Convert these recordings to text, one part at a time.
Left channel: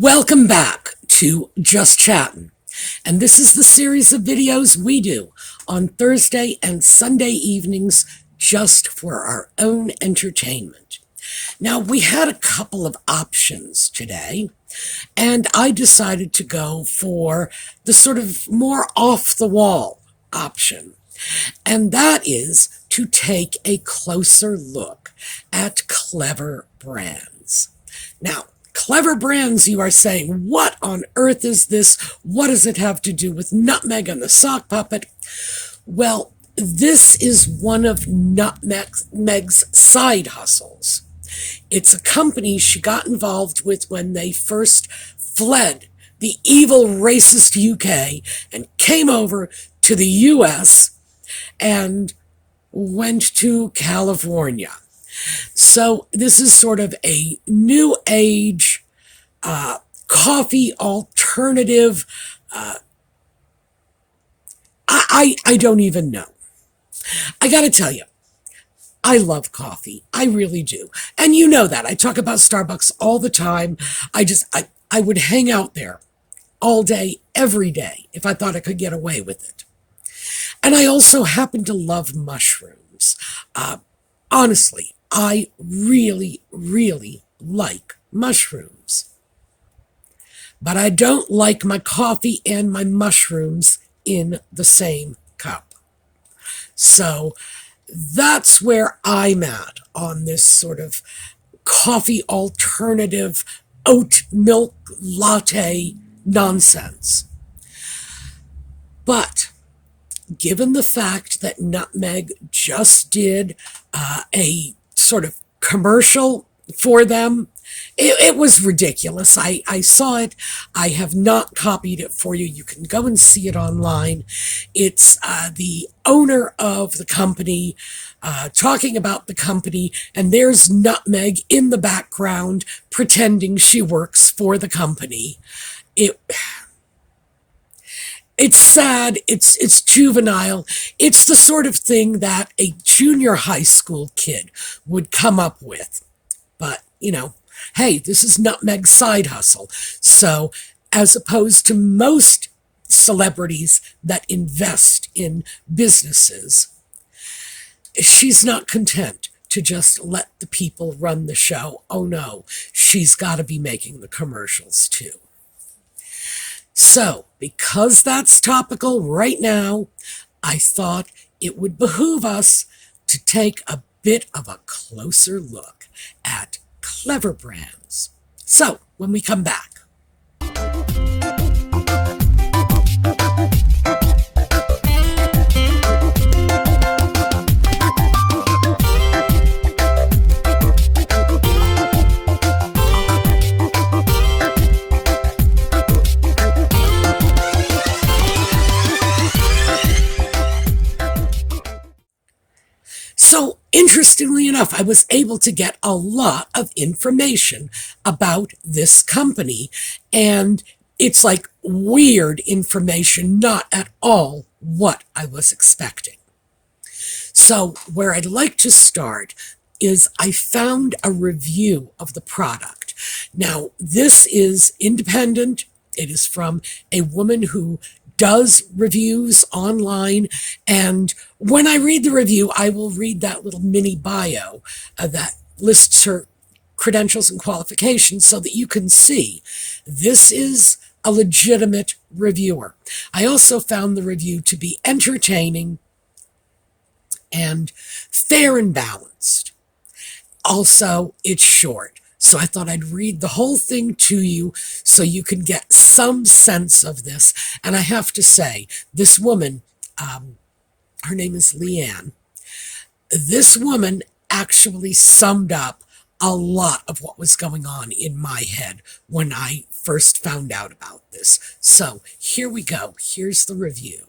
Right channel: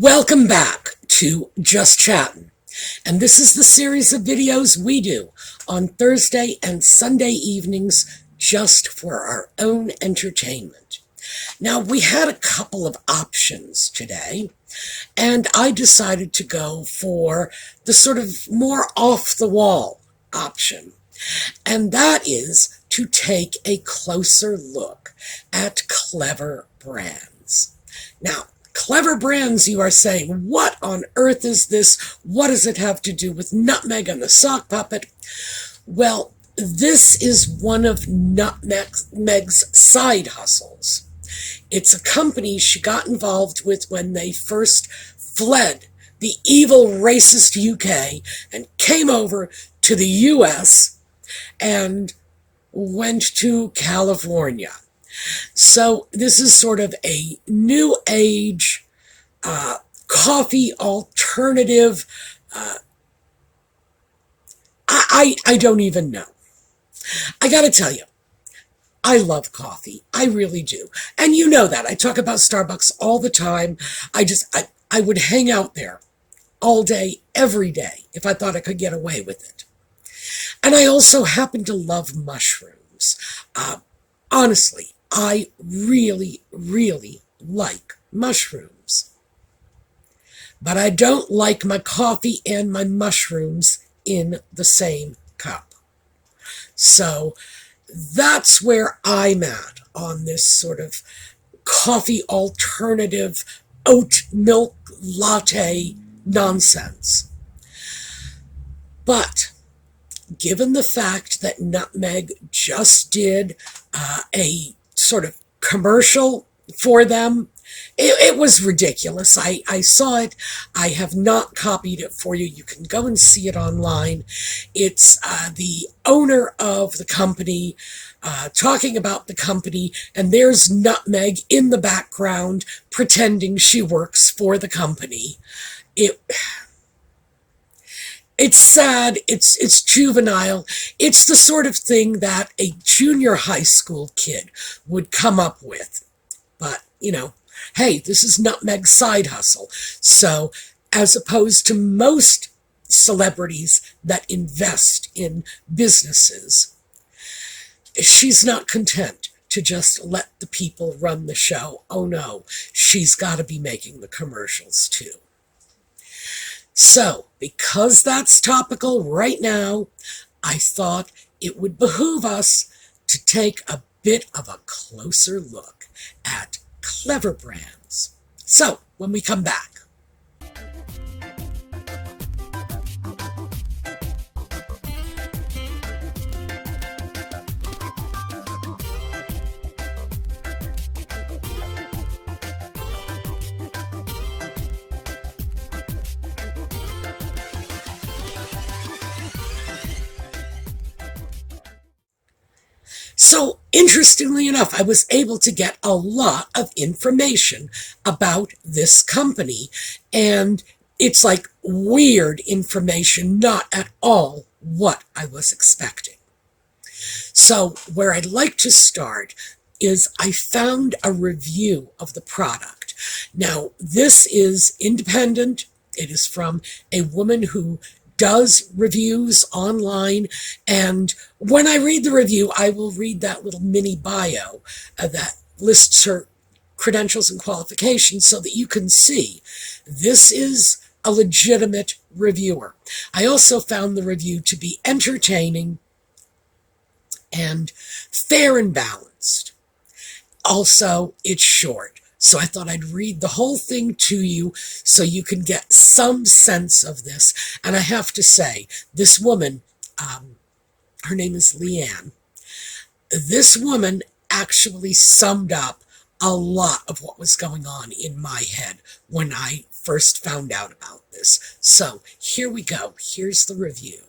Welcome back to Just Chattin', and this is the series of videos we do on Thursday and Sunday evenings just for our own entertainment. Now, we had a couple of options today, and I decided to go for the sort of more off-the-wall option, and that is to take a closer look at Clevr brands. Now, Clevr brands, you are saying, what on earth is this? What does it have to do with Nutmeg and the sock puppet? Well, this is one of Nutmeg's side hustles. It's a company she got involved with when they first fled the evil racist UK and came over to the US and went to California. So this is sort of a new age coffee alternative. I don't even know. I gotta tell you, I love coffee. I really do. And you know that. I talk about Starbucks all the time. I would hang out there all day, every day, if I thought I could get away with it. And I also happen to love mushrooms. Honestly, I really, really like mushrooms. But I don't like my coffee and my mushrooms in the same cup. So that's where I'm at on this sort of coffee alternative oat milk latte nonsense. But given the fact that Nutmeg just did a sort of commercial for them, it was ridiculous. I saw it. I have not copied it for you. You can go and see it online. It's the owner of the company talking about the company, and there's Nutmeg in the background pretending she works for the company. It's sad, it's juvenile, it's the sort of thing that a junior high school kid would come up with. But, you know, hey, this is Nutmeg's side hustle. So, as opposed to most celebrities that invest in businesses, she's not content to just let the people run the show. Oh no, she's got to be making the commercials too. So, because that's topical right now, I thought it would behoove us to take a bit of a closer look at Clevr brands. So, when we come back. So, interestingly enough, I was able to get a lot of information about this company, and it's like weird information, not at all what I was expecting. So, where I'd like to start is I found a review of the product. Now, this is independent. It is from a woman who does reviews online, and when I read the review, I will read that little mini bio that lists her credentials and qualifications so that you can see this is a legitimate reviewer. I also found the review to be entertaining and fair and balanced. Also, it's short. So I thought I'd read the whole thing to you so you can get some sense of this. And I have to say, this woman, her name is Leanne, this woman actually summed up a lot of what was going on in my head when I first found out about this. So here we go. Here's the review.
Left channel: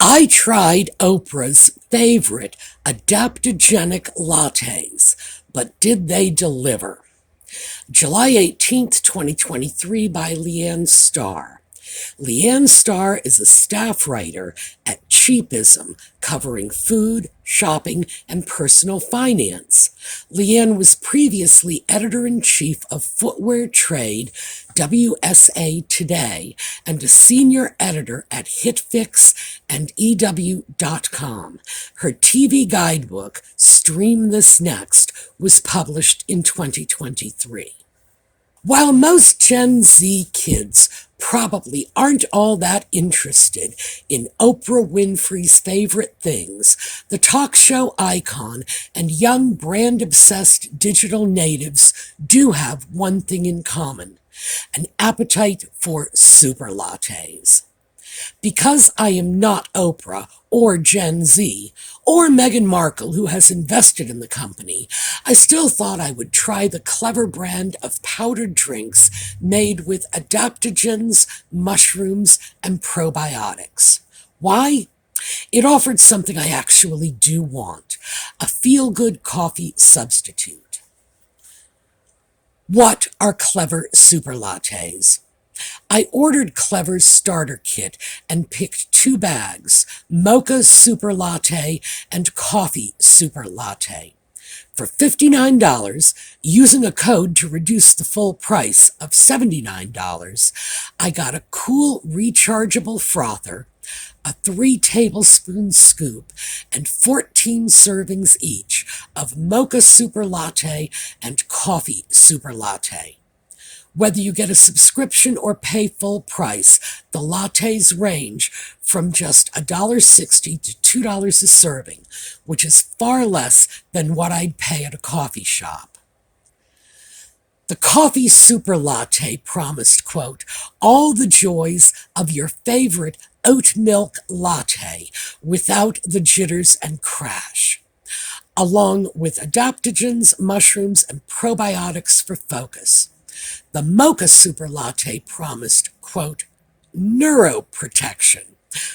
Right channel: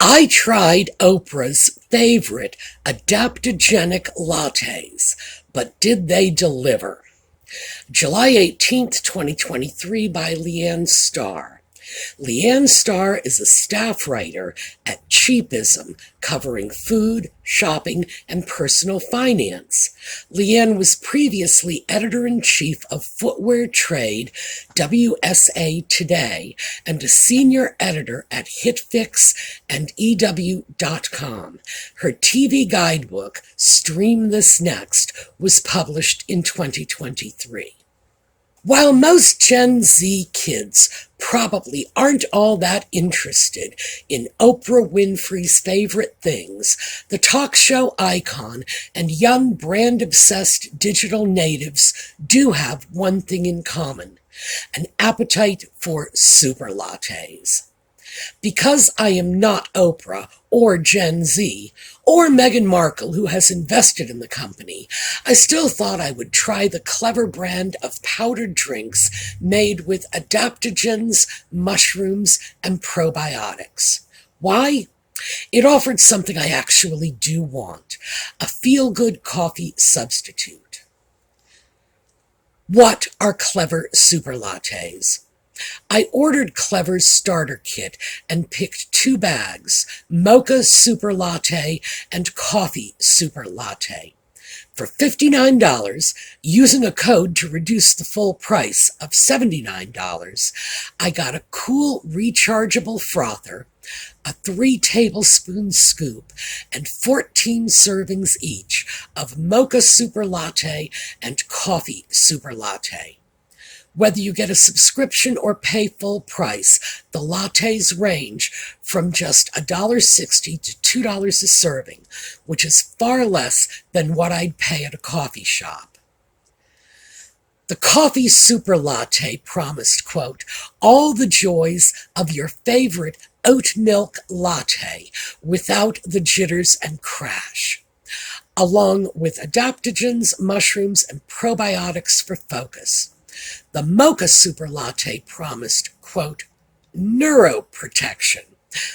I tried Oprah's favorite adaptogenic lattes, but did they deliver? July 18th, 2023 by Leanne Starr. Leanne Starr is a staff writer at Cheapism, covering food, shopping, and personal finance. Leanne was previously editor-in-chief of Footwear Trade, WSA Today, and a senior editor at HitFix and EW.com. Her TV guidebook, Stream This Next, was published in 2023. While most Gen Z kids probably aren't all that interested in Oprah Winfrey's favorite things, the talk show icon and young brand-obsessed digital natives do have one thing in common: an appetite for super lattes. Because I am not Oprah or Gen Z or Meghan Markle, who has invested in the company, I still thought I would try the Clevr brand of powdered drinks made with adaptogens, mushrooms, and probiotics. Why? It offered something I actually do want: a feel-good coffee substitute. What are Clevr super lattes? I ordered Clevr's starter kit and picked 2 bags, Mocha Super Latte and Coffee Super Latte. For $59, using a code to reduce the full price of $79, I got a cool rechargeable frother, a 3-tablespoon scoop, and 14 servings each of Mocha Super Latte and Coffee Super Latte. Whether you get a subscription or pay full price, the lattes range from just $1.60 to $2 a serving, which is far less than what I'd pay at a coffee shop. The Coffee Super Latte promised, quote, all the joys of your favorite oat milk latte without the jitters and crash, along with adaptogens, mushrooms, and probiotics for focus. The Mocha Super Latte promised, quote, neuroprotection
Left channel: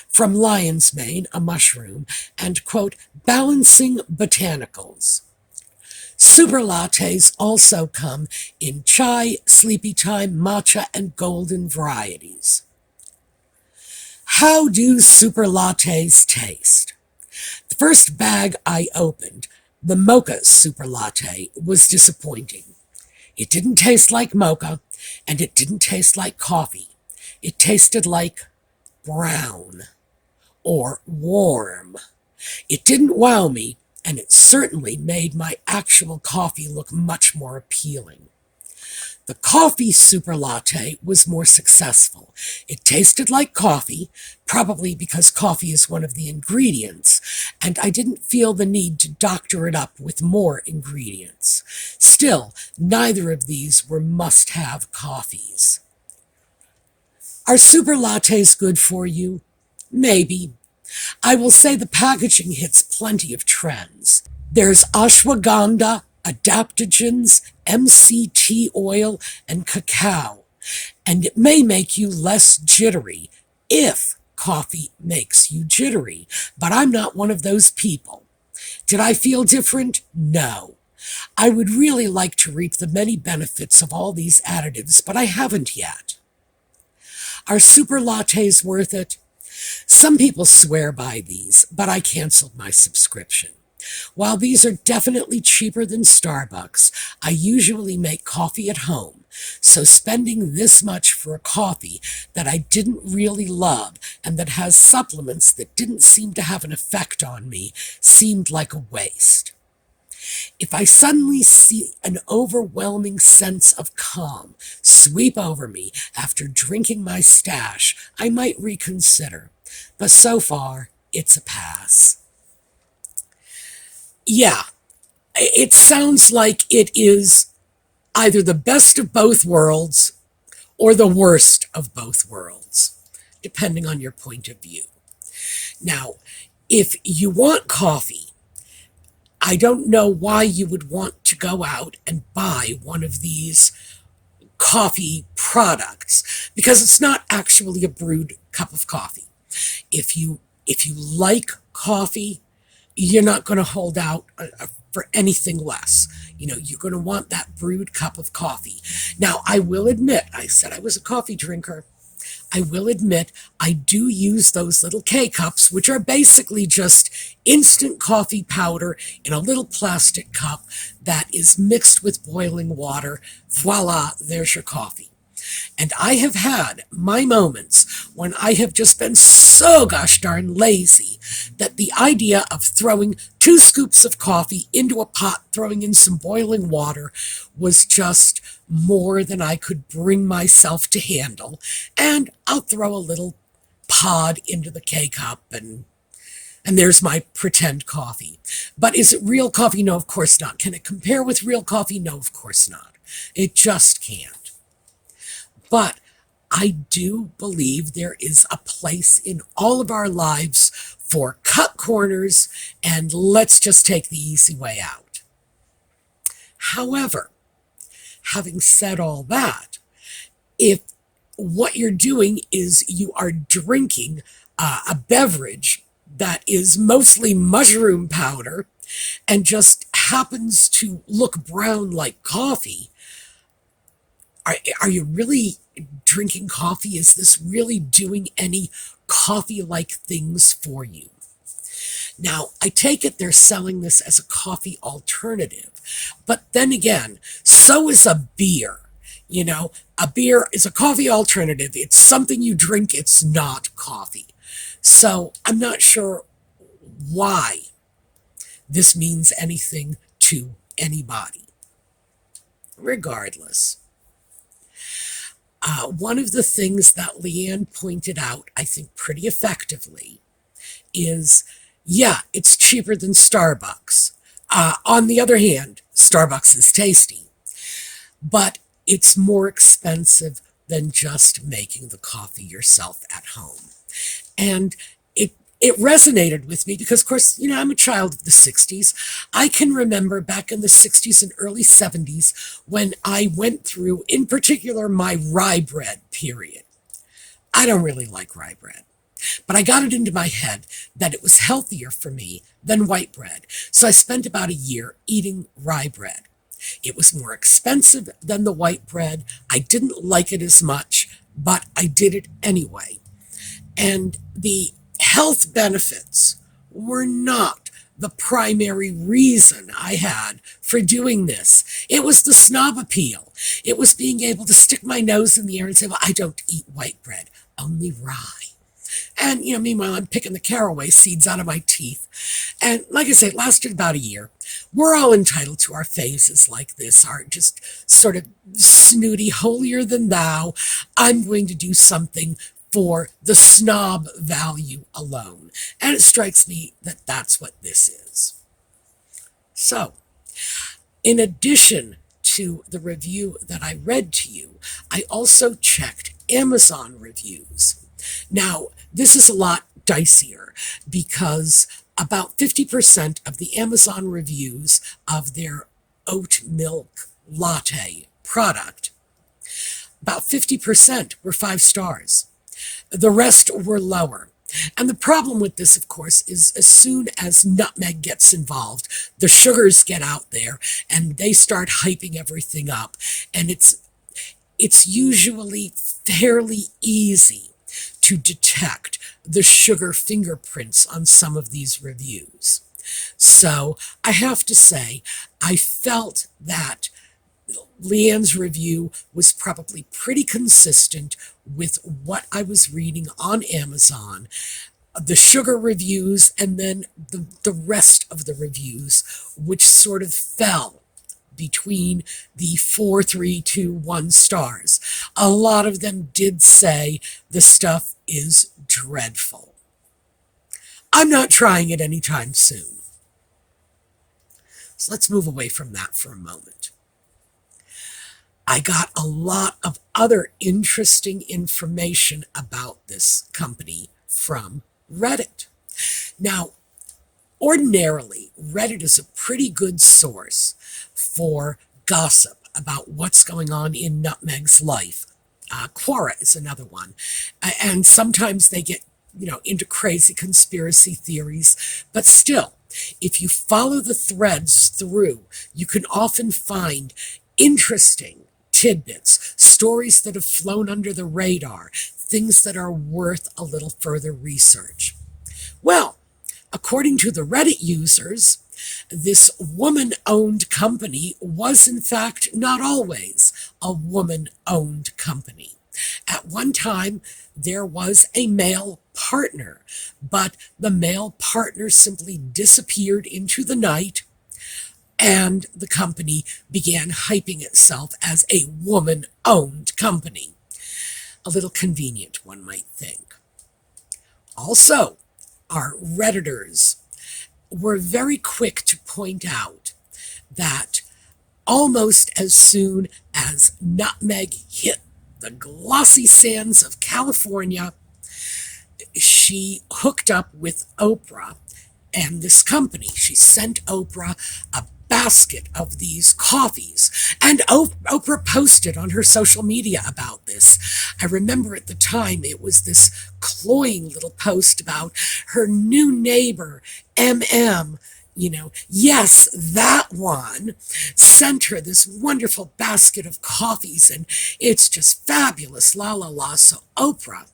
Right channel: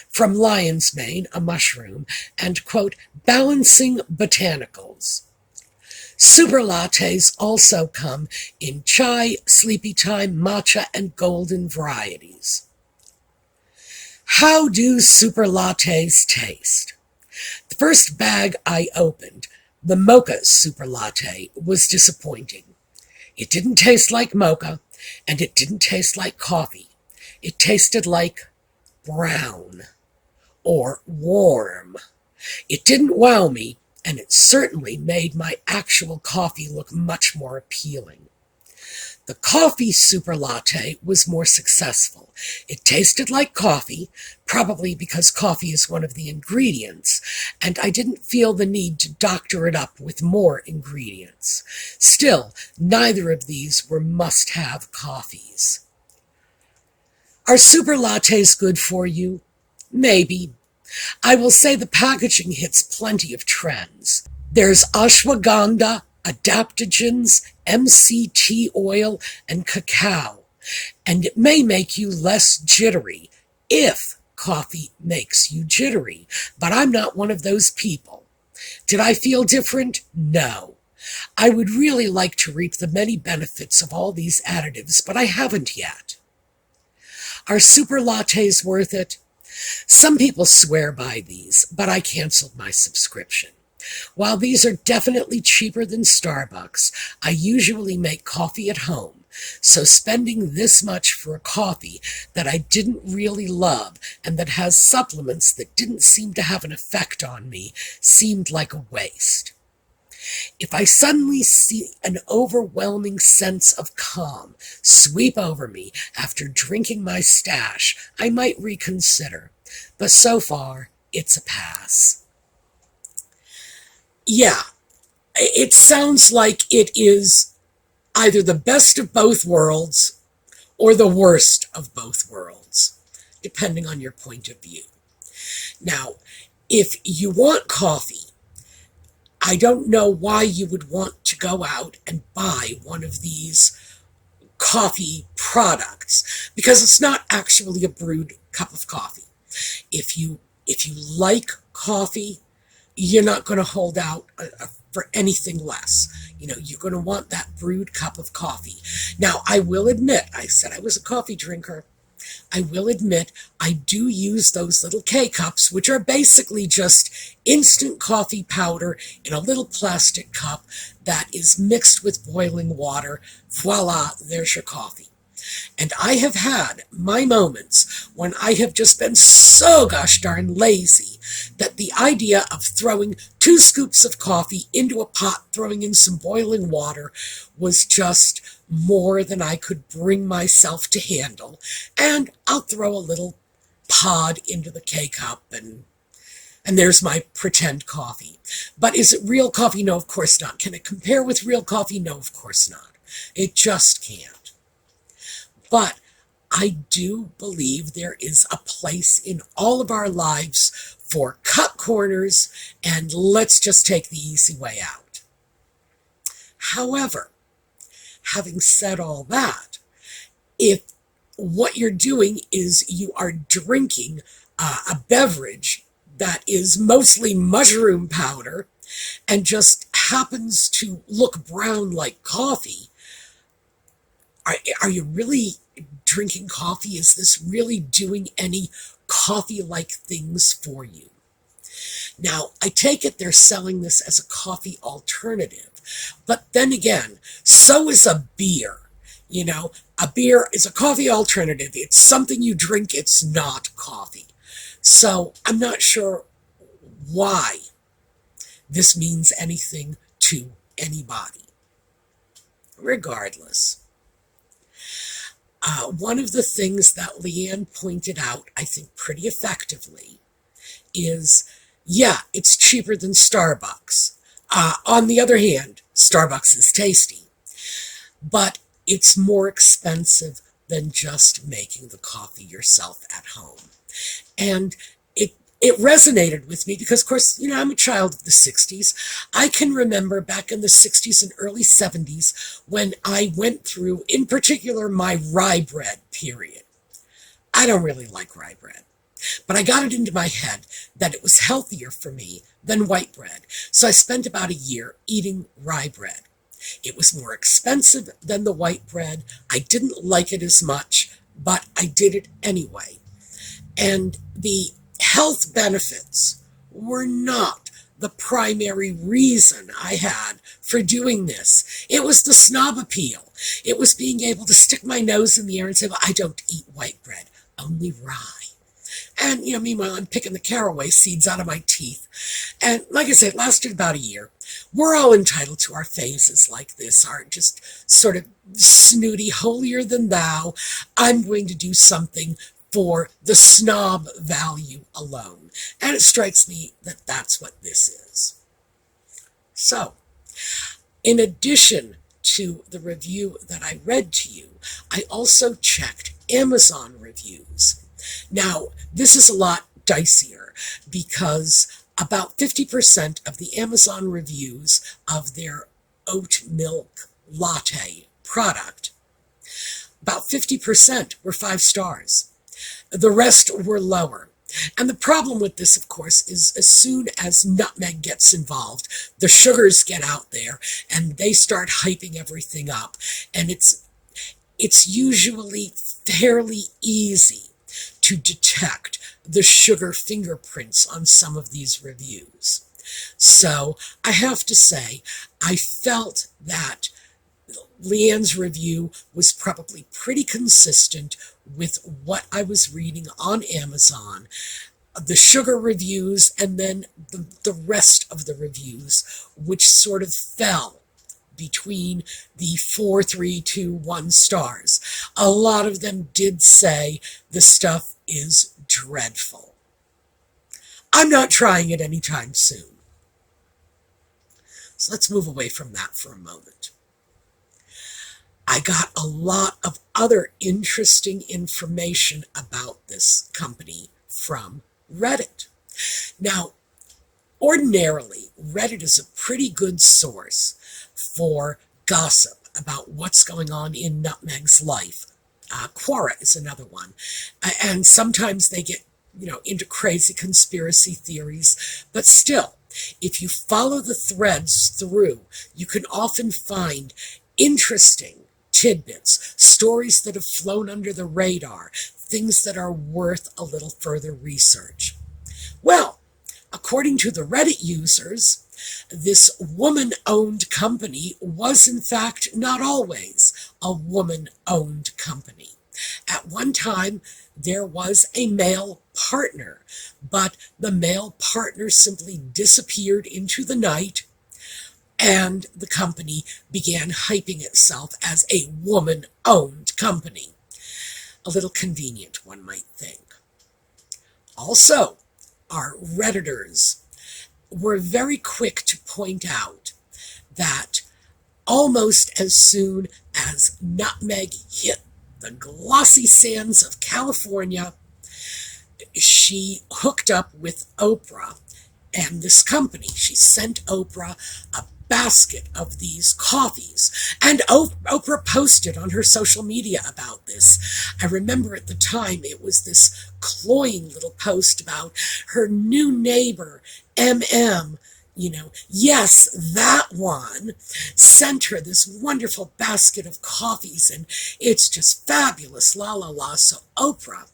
from lion's mane, a mushroom, and, quote, balancing botanicals. Super lattes also come in chai, sleepy time, matcha, and golden varieties. How do super lattes taste? The first bag I opened, the Mocha Super Latte, was disappointing. It didn't taste like mocha, and it didn't taste like coffee. It tasted like brown or warm. It didn't wow me, and it certainly made my actual coffee look much more appealing. The Coffee Super Latte was more successful. It tasted like coffee, probably because coffee is one of the ingredients, and I didn't feel the need to doctor it up with more ingredients. Still, neither of these were must-have coffees. Are super lattes good for you? Maybe. I will say the packaging hits plenty of trends. There's ashwagandha, adaptogens, MCT oil, and cacao, and it may make you less jittery if coffee makes you jittery, but I'm not one of those people. Did I feel different? No. I would really like to reap the many benefits of all these additives, but I haven't yet. Are super lattes worth it? Some people swear by these, but I canceled my subscription. While these are definitely cheaper than Starbucks, I usually make coffee at home, so spending this much for a coffee that I didn't really love and that has supplements that didn't seem to have an effect on me seemed like a waste. If I suddenly see an overwhelming sense of calm sweep over me after drinking my stash, I might reconsider, but so far, it's a pass. Yeah, it sounds like it is either the best of both worlds or the worst of both worlds, depending on your point of view. Now, if you want coffee, I don't know why you would want to go out and buy one of these coffee products, because it's not actually a brewed cup of coffee. If you like coffee, you're not going to hold out for anything less. You're going to want that brewed cup of coffee. Now, I will admit, I said I was a coffee drinker. I will admit I do use those little K-cups, which are basically just instant coffee powder in a little plastic cup that is mixed with boiling water. Voila, there's your coffee. And I have had my moments when I have just been so gosh darn lazy that the idea of throwing 2 scoops of coffee into a pot, throwing in some boiling water, was just more than I could bring myself to handle. And I'll throw a little pod into the K-cup and there's my pretend coffee. But is it real coffee? No, of course not. Can it compare with real coffee? No, of course not. It just can't. But I do believe there is a place in all of our lives for cut corners and let's just take the easy way out. However, having said all that, if what you're doing is you are drinking a beverage that is mostly mushroom powder and just happens to look brown like coffee, are you really drinking coffee? Is this really doing any coffee-like things for you? Now, I take it they're selling this as a coffee alternative. But then again, so is a beer. You know, a beer is a coffee alternative. It's something you drink. It's not coffee. So I'm not sure why this means anything to anybody. Regardless. One of the things that Leanne pointed out, I think pretty effectively, is, yeah, it's cheaper than Starbucks. On the other hand, Starbucks is tasty, but it's more expensive than just making the coffee yourself at home. And it resonated with me because, of course, you know, I'm a child of the 60s. I can remember back in the 60s and early 70s when I went through, in particular, my rye bread period. I don't really like rye bread, but I got it into my head that it was healthier for me than white bread. So I spent about a year eating rye bread. It was more expensive than the white bread. I didn't like it as much, but I did it anyway. And the health benefits were not the primary reason I had for doing this. It was the snob appeal. It was being able to stick my nose in the air and say, well, I don't eat white bread, only rye. And, you know, meanwhile, I'm picking the caraway seeds out of my teeth. And like I said, it lasted about a year. We're all entitled to our phases like this, our just sort of snooty, holier than thou. I'm going to do something for the snob value alone. And it strikes me that that's what this is. So, in addition to the review that I read to you, I also checked Amazon reviews. Now, this is a lot dicier because about 50% of the Amazon reviews of their oat milk latte product, about 50% were 5 stars. The rest were lower. And the problem with this, of course, is as soon as nutmeg gets involved, the sugars get out there and they start hyping everything up. And it's usually fairly easy to detect the sugar fingerprints on some of these reviews. So I have to say, I felt that Leanne's review was probably pretty consistent with what I was reading on Amazon, the sugar reviews, and then the rest of the reviews, which sort of fell between the 4, 3, 2, 1 stars. A lot of them did say the stuff is dreadful. I'm not trying it anytime soon. So let's move away from that for a moment. I got a lot of other interesting information about this company from Reddit. Now, ordinarily, Reddit is a pretty good source for gossip about what's going on in Nutmeg's life. Quora is another one. And sometimes they get, into crazy conspiracy theories. But still, if you follow the threads through, you can often find interesting tidbits, stories that have flown under the radar, things that are worth a little further research. Well, according to the Reddit users, this woman-owned company was in fact not always a woman-owned company. At one time, there was a male partner, but the male partner simply disappeared into the night, and the company began hyping itself as a woman-owned company. A little convenient, one might think. Also, our Redditors were very quick to point out that almost as soon as Nutmeg hit the glossy sands of California, she hooked up with Oprah and this company. She sent Oprah a basket of these coffees, and Oprah posted on her social media about this. I remember at the time it was this cloying little post about her new neighbor, MM, yes, that one, sent her this wonderful basket of coffees, and it's just fabulous, la la la. So Oprah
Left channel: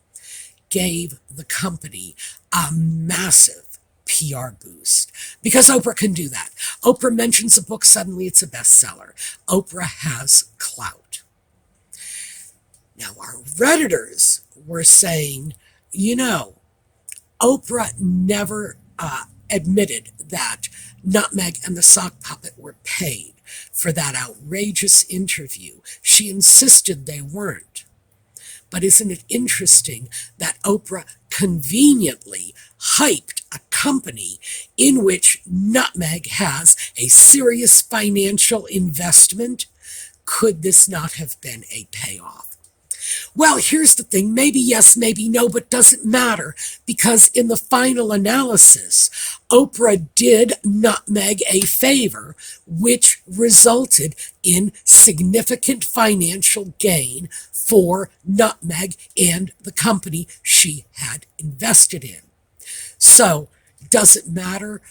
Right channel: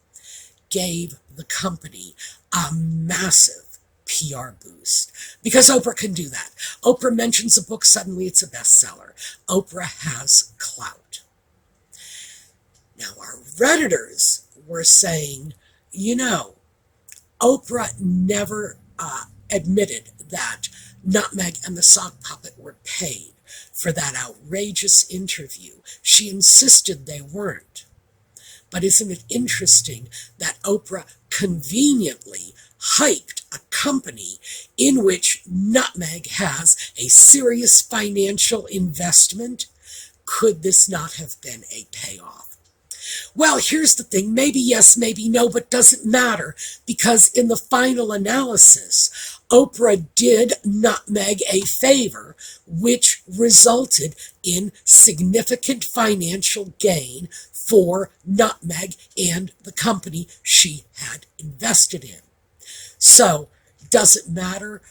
gave the company a massive PR boost, because Oprah can do that. Oprah mentions a book, suddenly it's a bestseller. Oprah has clout. Now, our Redditors were saying, Oprah never admitted that Nutmeg and the sock puppet were paid for that outrageous interview. She insisted they weren't. But isn't it interesting that Oprah conveniently hyped a company in which Nutmeg has a serious financial investment? Could this not have been a payoff? Well, here's the thing. Maybe yes, maybe no, but doesn't matter, because in the final analysis, Oprah did Nutmeg a favor, which resulted in significant financial gain for Nutmeg and the company she had invested in. So, does it matter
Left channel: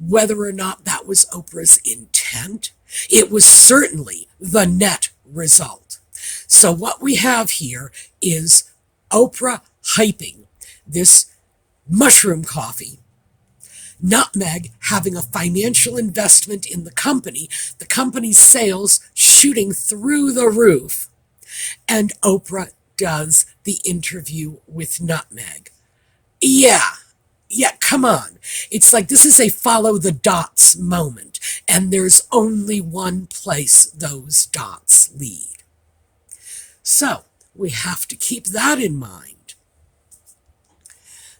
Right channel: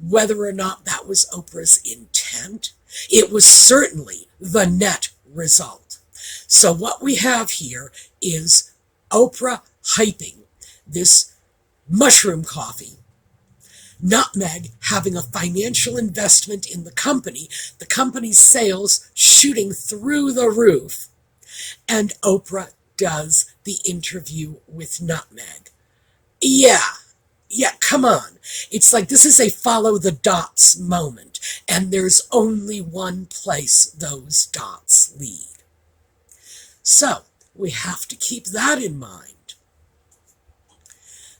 whether or not that was Oprah's intent? It was certainly the net result. So what we have here is Oprah hyping this mushroom coffee, Nutmeg having a financial investment in the company's sales shooting through the roof, and Oprah does the interview with Nutmeg. Yeah, come on. It's like this is a follow the dots moment, and there's only one place those dots lead. So, we have to keep that in mind.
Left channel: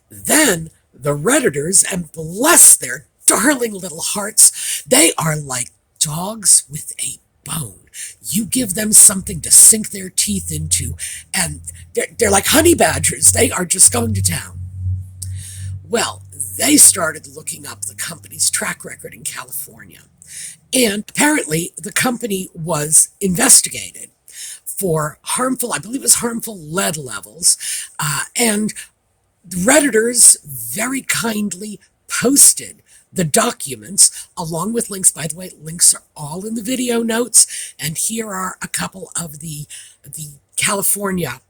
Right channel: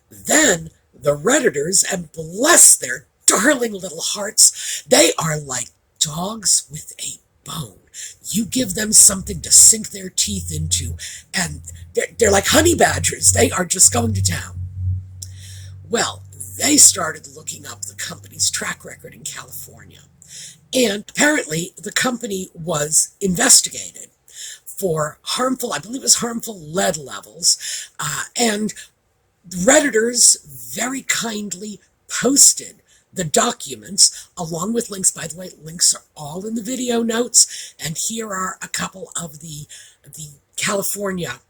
Then, the Redditors, and bless their darling little hearts, they are like dogs with a bone. You give them something to sink their teeth into, and they're like honey badgers. They are just going to town. Well, they started looking up the company's track record in California. And apparently, the company was investigated for harmful, I believe it was harmful lead levels, and Redditors very kindly posted the documents along with links. By the way, links are all in the video notes, and here are a couple of the California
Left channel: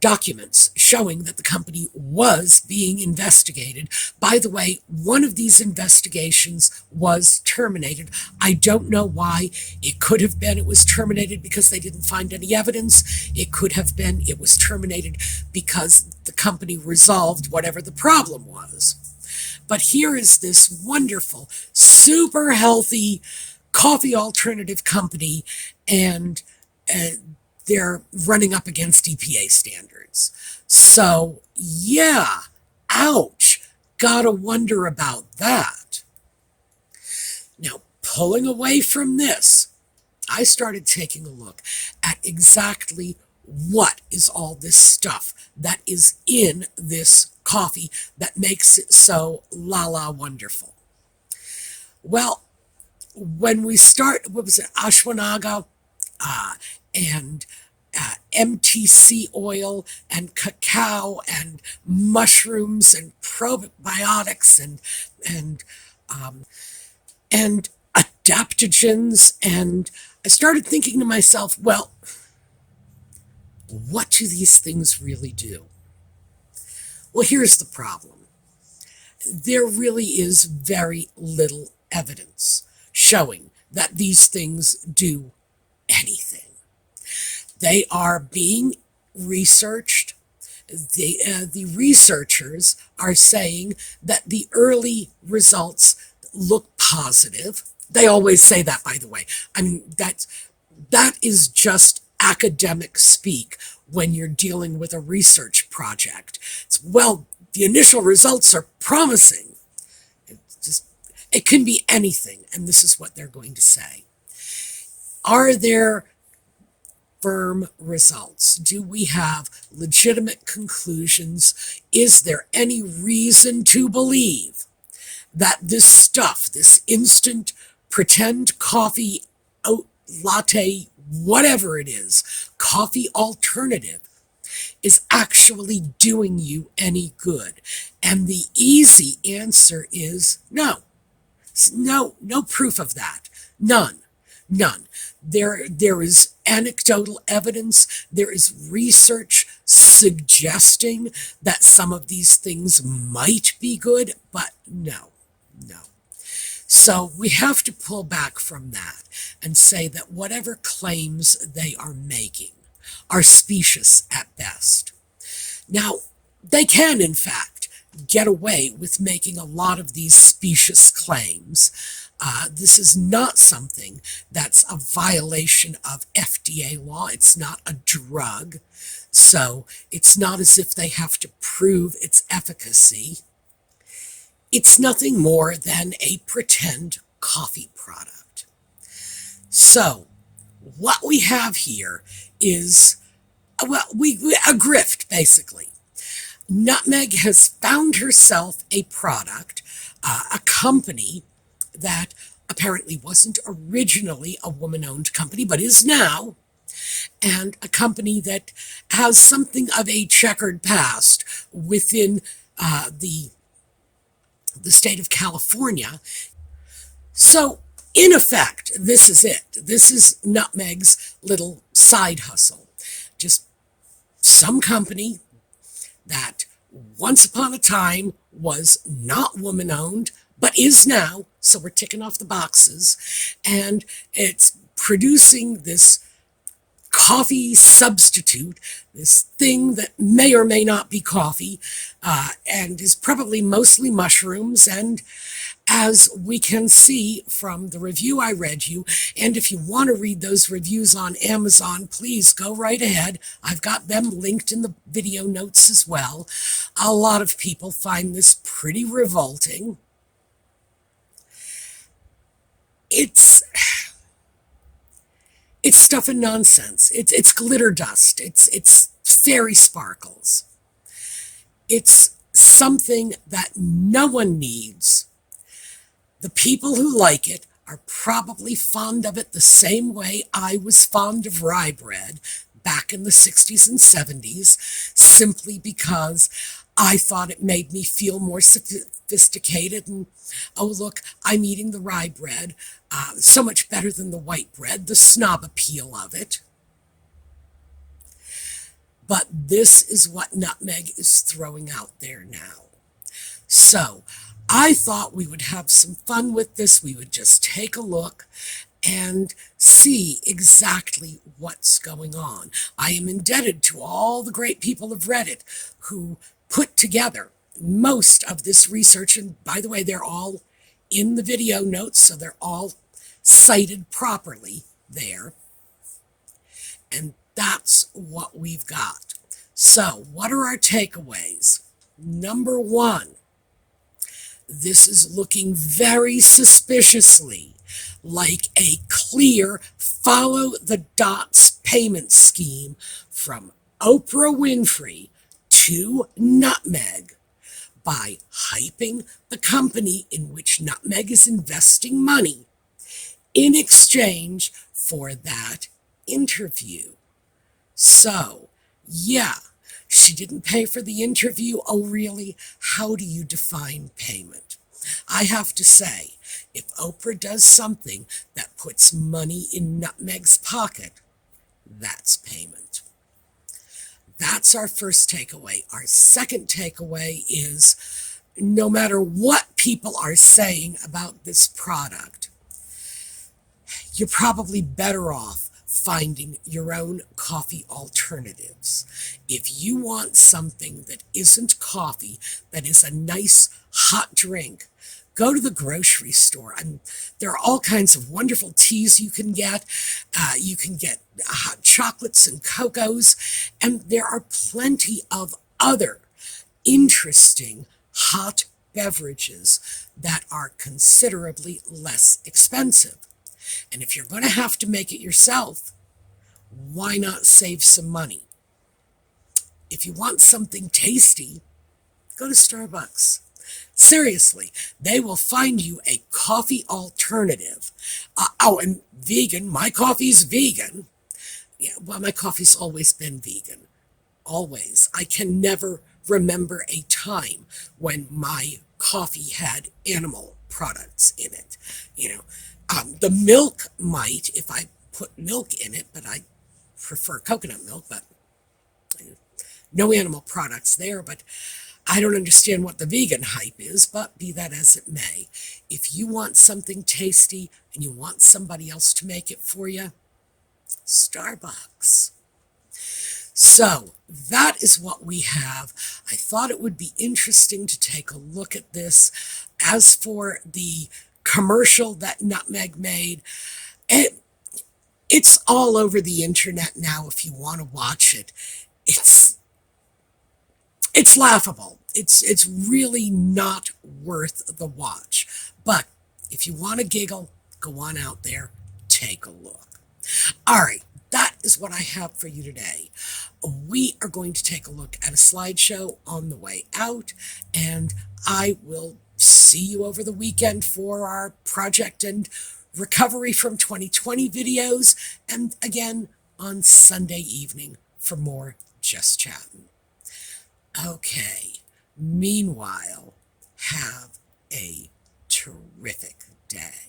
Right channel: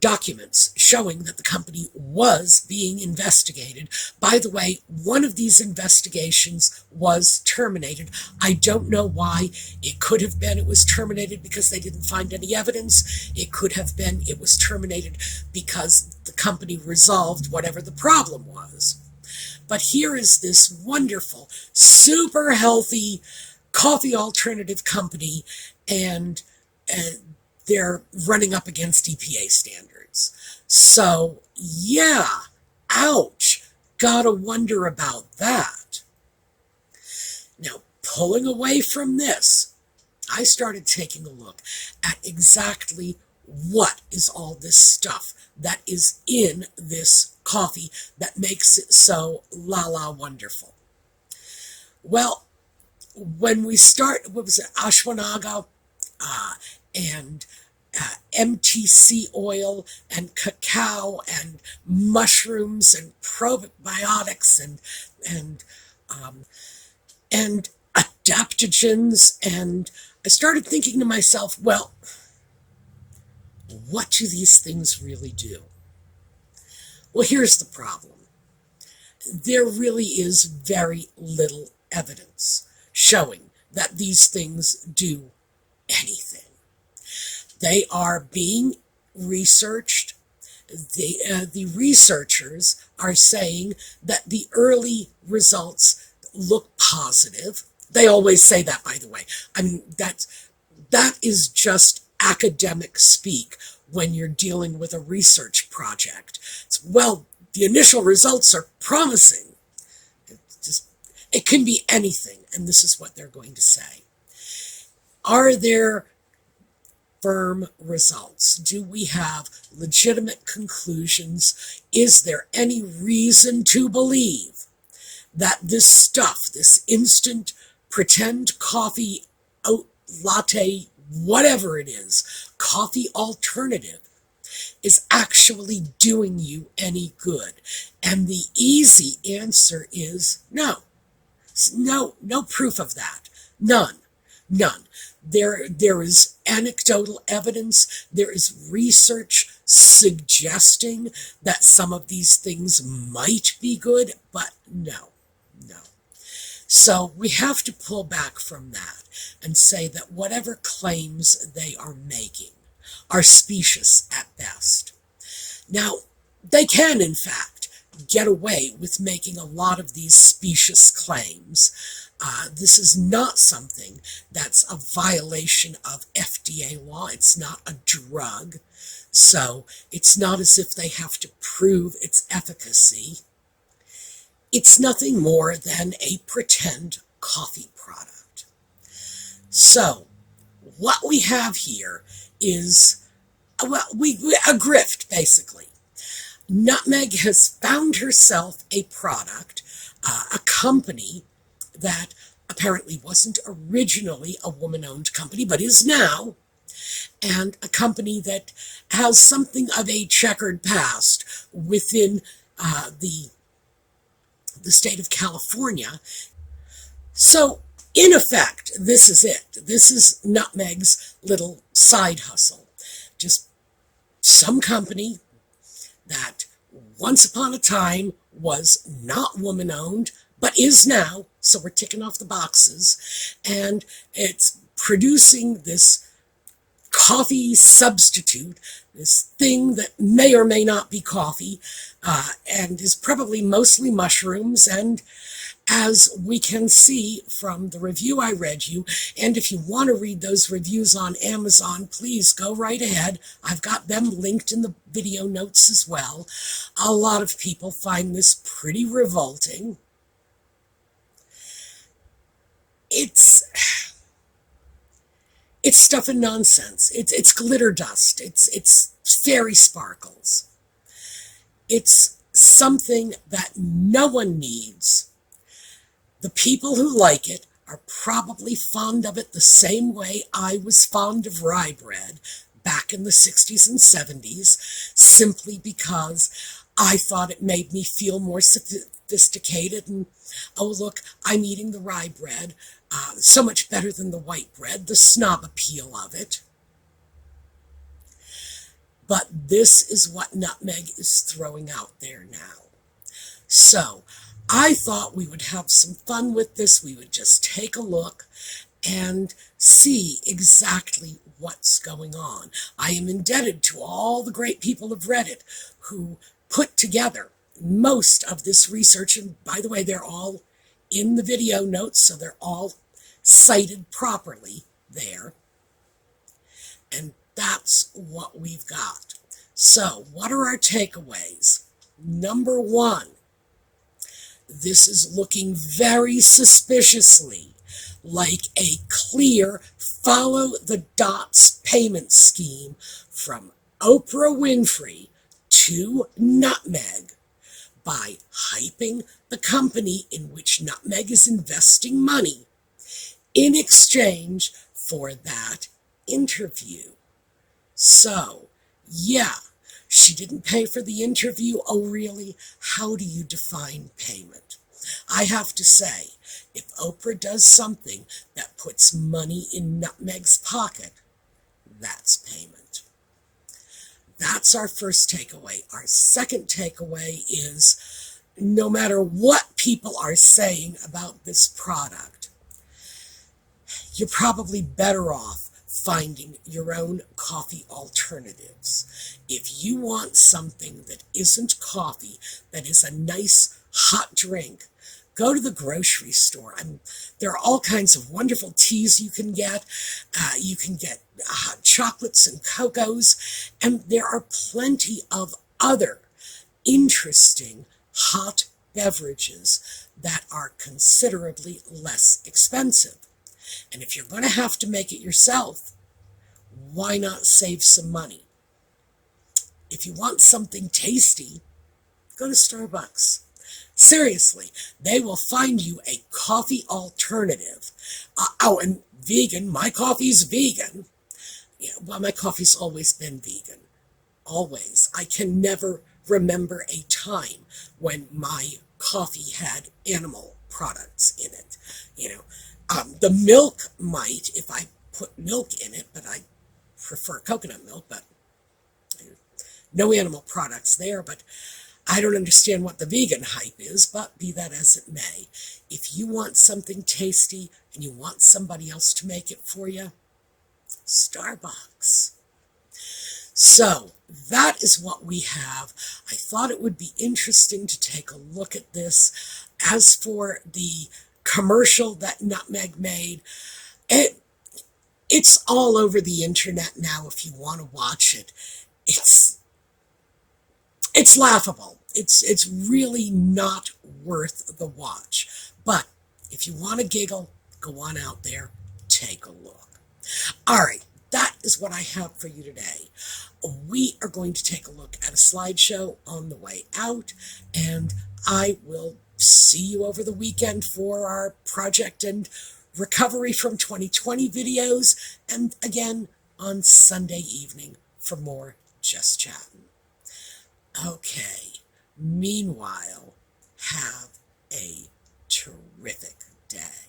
documents showing that the company was being investigated. By the way, one of these investigations was terminated. I don't know why. It could have been it was terminated because they didn't find any evidence. It could have been it was terminated because the company resolved whatever the problem was. But here is this wonderful, super healthy coffee alternative company, and they're running up against EPA standards. So, yeah, ouch, gotta wonder about that. Now, pulling away from this, I started taking a look at exactly what is all this stuff that is in this coffee that makes it so la-la wonderful. Well, when we start, what was it, ashwagandha, and MTC oil and cacao and mushrooms and probiotics and adaptogens, and I started thinking to myself, well, what do these things really do? Well, here's the problem. There really is very little evidence showing that these things do anything. They are being researched. The researchers are saying that the early results look positive. They always say that, by the way. I mean, that is just academic speak when you're dealing with a research project. Well, the initial results are promising. It can be anything, and this is what they're going to say. Are there firm results? Do we have legitimate conclusions? Is there any reason to believe that this stuff, this instant pretend coffee, oat latte, whatever it is, coffee alternative, is actually doing you any good? And the easy answer is no. No proof of that. None. There is anecdotal evidence. There is research suggesting that some of these things might be good, but no. So we have to pull back from that and say that whatever claims they are making are specious at best. Now, they can, in fact, get away with making a lot of these specious claims. This is not something that's a violation of FDA law. It's not a drug, so it's not as if they have to prove its efficacy. It's nothing more than a pretend coffee product. So what we have here is, well, a grift, basically. Nutmeg has found herself a product, a company that apparently wasn't originally a woman-owned company, but is now, and a company that has something of a checkered past within the state of California. So, in effect, this is it. This is Nutmeg's little side hustle. Just some company that once upon a time was not woman-owned, but is now, so we're ticking off the boxes, and it's producing this coffee substitute, this thing that may or may not be coffee, and is probably mostly mushrooms. And as we can see from the review I read you, and if you want to read those reviews on Amazon, please go right ahead. I've got them linked in the video notes as well. A lot of people find this pretty revolting. It's stuff and nonsense. It's glitter dust. It's fairy sparkles. It's something that no one needs. The people who like it are probably fond of it the same way I was fond of rye bread back in the 60s and 70s, simply because I thought it made me feel more sophisticated, and, oh, look, I'm eating the rye bread. So much better than the white bread, the snob appeal of it. But this is what Nutmeg is throwing out there now. So I thought we would have some fun with this. We would just take a look and see exactly what's going on. I am indebted to all the great people of Reddit who put together most of this research. And by the way, they're all in the video notes, so they're all cited properly there. And that's what we've got. So, what are our takeaways? Number one, this is looking very suspiciously like a clear follow the dots payment scheme from Oprah Winfrey to Nutmeg by hyping the company in which Nutmeg is investing money in exchange for that interview. So, yeah, she didn't pay for the interview. Oh, really? How do you define payment? I have to say, if Oprah does something that puts money in Nutmeg's pocket, that's payment. That's our first takeaway. Our second takeaway is no matter what people are saying about this product, you're probably better off finding your own coffee alternatives. If you want something that isn't coffee, that is a nice hot drink, go to the grocery store. There are all kinds of wonderful teas you can get. You can get hot chocolates and cocos, and there are plenty of other interesting hot beverages that are considerably less expensive. And if you're going to have to make it yourself, why not save some money? If you want something tasty, go to Starbucks. Seriously, they will find you a coffee alternative. And vegan. My coffee's vegan. Yeah, well, my coffee's always been vegan. Always. I can never remember a time when my coffee had animal products in it. The milk might if I put milk in it, but I prefer coconut milk, but no animal products there. But I don't understand what the vegan hype is, but be that as it may, if you want something tasty and you want somebody else to make it for you, Starbucks. So that is what we have. I thought it would be interesting to take a look at this. As for the commercial that Nutmeg made, it's all over the internet now if you want to watch it. It's laughable. It's really not worth the watch. But if you want to giggle, go on out there, take a look. All right, that is what I have for you today. We are going to take a look at a slideshow on the way out, and I will see you over the weekend for our project and recovery from 2020 videos, and again on Sunday evening for more Just Chattin'. Okay, meanwhile, have a terrific day.